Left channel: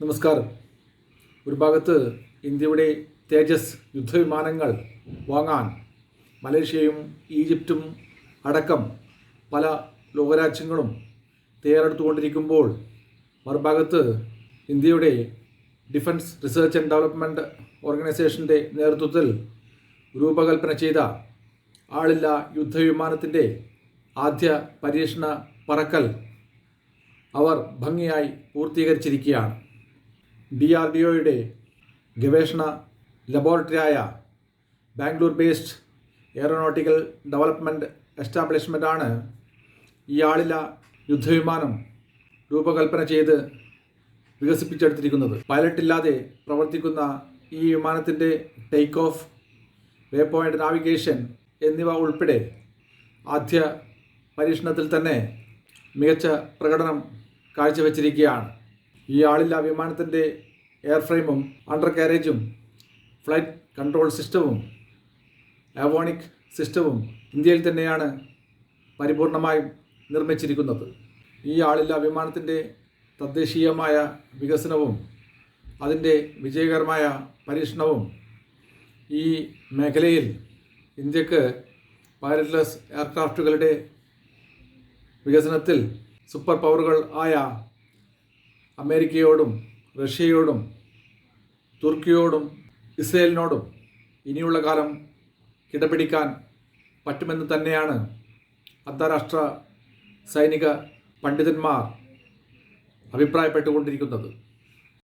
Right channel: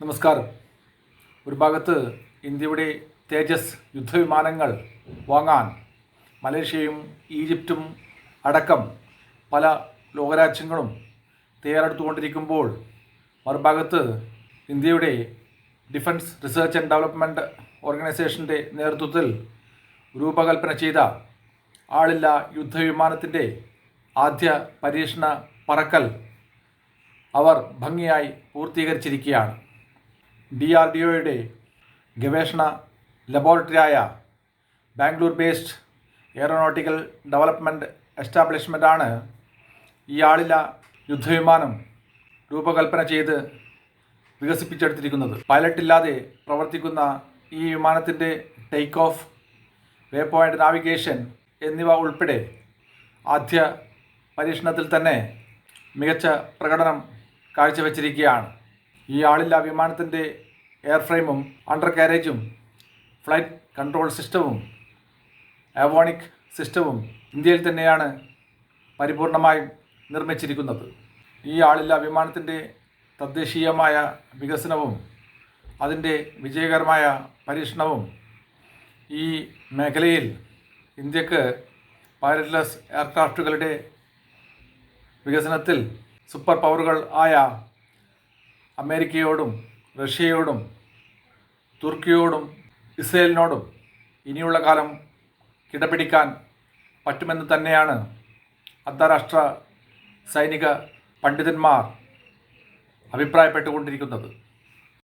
നമസ്കാരം. ഒരു ഭാഗത്ത് ഇന്ത്യയുടെ തേജസ് യുദ്ധവിമാനങ്ങൾ വാങ്ങാൻ മലേഷ്യയും ഈജിപ്തും അടക്കം പല ലോകരാജ്യങ്ങളും തയ്യാറെടുത്തുകൊണ്ടിരിക്കുമ്പോൾ, മറുഭാഗത്ത് ഇന്ത്യയുടെ ഡിഫൻസ് റിസർച്ച് ആൻഡ് ഡെവലപ്മെൻറ്റ് ഓർഗനൈസേഷൻ്റെ നേതൃത്വത്തിൽ രൂപകൽപ്പന ചെയ്ത ആളില്ല യുദ്ധവിമാനത്തിൻ്റെ ആദ്യ പരീക്ഷണ പറക്കൽ അവർ ഭംഗിയായി പൂർത്തീകരിച്ചിരിക്കുകയാണ്. DRDOയുടെ ഗവേഷണ ലബോറട്ടറിയായ ബാംഗ്ലൂർ ബേസ്ഡ് എയറോനോട്ടിക്കൽ ഡെവലപ്മെൻറ്റ് എസ്റ്റാബ്ലിഷ്മെൻ്റാണ് ഈ ആളില്ല യുദ്ധവിമാനം രൂപകൽപ്പന ചെയ്ത് വികസിപ്പിച്ചെടുത്തിരിക്കുന്നത്. പൈലറ്റില്ലാതെ പ്രവർത്തിക്കുന്ന ഈ വിമാനത്തിൻ്റെ ടേക്ക് ഓഫ്, വേ പോയിൻ്റ് നാവിഗേഷൻ എന്നിവ ഉൾപ്പെടെ ആദ്യ പരീക്ഷണത്തിൽ തന്നെ മികച്ച പ്രകടനം കാഴ്ചവെച്ചിരിക്കുകയാണ്. ഈ ആളില്ല വിമാനത്തിൻ്റെ എയർഫ്രെയിമും അണ്ടർ കാരേജും ഫ്ലൈറ്റ് കൺട്രോൾ സിസ്റ്റവും ആവോണിക് സിസ്റ്റവും ഇന്ത്യയിൽ തന്നെയാണ് പരിപൂർണമായും നിർമ്മിച്ചിരിക്കുന്നത്. ഈ ആളില്ല വിമാനത്തിൻ്റെ തദ്ദേശീയമായ വികസനവും അതിൻ്റെ വിജയകരമായ പരീക്ഷണവും ഈ മേഖലയിൽ ഇന്ത്യക്ക് പൈലറ്റ്ലെസ് എയർക്രാഫ്റ്റുകളുടെ വികസനത്തിൽ സൂപ്പർ പവറുകൾ ആയ അമേരിക്കയോടും റഷ്യയോടും തുർക്കിയോടും ഇസ്രയേലിനോടും ഇനിയുള്ള കാലം കിടപിടിക്കാൻ പറ്റുമെന്ന് തന്നെയാണ് അന്താരാഷ്ട്ര സൈനിക പണ്ഡിതന്മാർ അഭിപ്രായപ്പെട്ടുകൊണ്ടിരിക്കുന്നത്.